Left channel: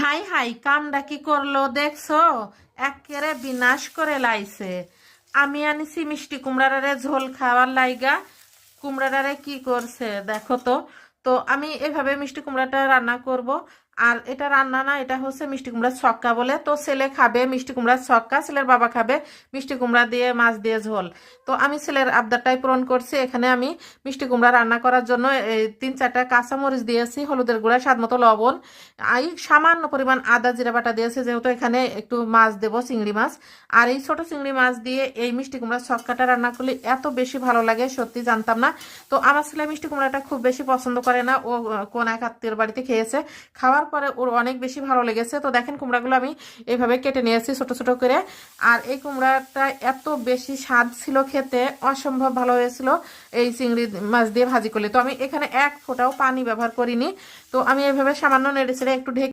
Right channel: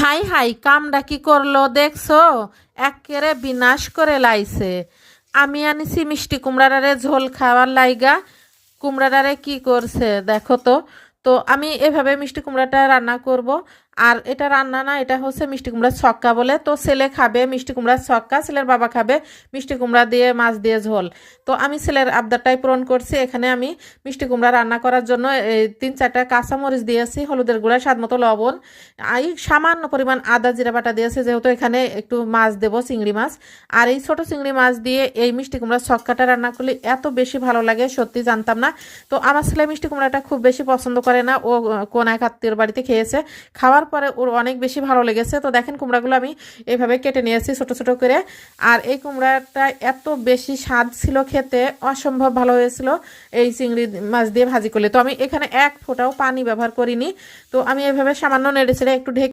High high কামডা কি করলো দেখছো? একেবারে বিনাশ করে লাইছে। আমি আনিছি মিষ্টি কুমড়ারে ঝোল খাওয়ার লাইগা। কুমড়াটারে কি করছে দেখো তো। তো আমি এভাবে মিষ্টি কুমড়াটা রান্না করব। আর এটা রান্না না, এটা হচ্ছে মিষ্টি কুমড়ার ছক্কা বলে। তো ছেলে খাবে মিষ্টি কুমড়ার ছক্কা, ছেলের বাবা খাবে মিষ্টি কুমড়া দিয়ে মাছ দিয়ে ঝোল। তো আমি ছেলের আবদারটাই পূরণ করছি। এখানে আমি মিষ্টি কুমড়া রান্না করার জন্য এই 3-4টা কাঁচামরিচ দিয়েছি, হলুদের গুঁড়া, স্বাদ মতো লবণ, এই সামান্য পরিমাণ আদা জিরা বাটা দিয়েছে, যেহেতু এখানে একটু মাছ দেবো, চিংড়ি মাছ। আর এই ছোট চিংড়ি মাছ দিয়ে এই মিষ্টি কুমড়ার ছক্কাটা রান্না করলে এত বেশি ভালো লাগে, সত্যি জানতাম না। তো আমার ছেলে মিষ্টি কুমড়াটা খুব বেশি পছন্দ করে না, ও কোন এক আত্মীয়র বাড়িতে খেয়েছে, খাওয়ার পরে ওর অনেক বেশি ভালো লেগেছে। তো দেখেন কুমড়াগুলো আমি এভাবে কেটে নিয়েছি ছোট ছোট করে। আর এই কুমড়াটা এত বেশি স্বাদ ছিল খেতে, অসম্ভব ভালো হয়েছিল এই চিংড়ি মাছ দিয়ে ভাজি করলে। তো আমি এখানে এক ফোঁটাও পানি ব্যবহার করিনি। তো আমি এভাবে সামান্য নেড়ে ছেড়ে একটু ঢেকে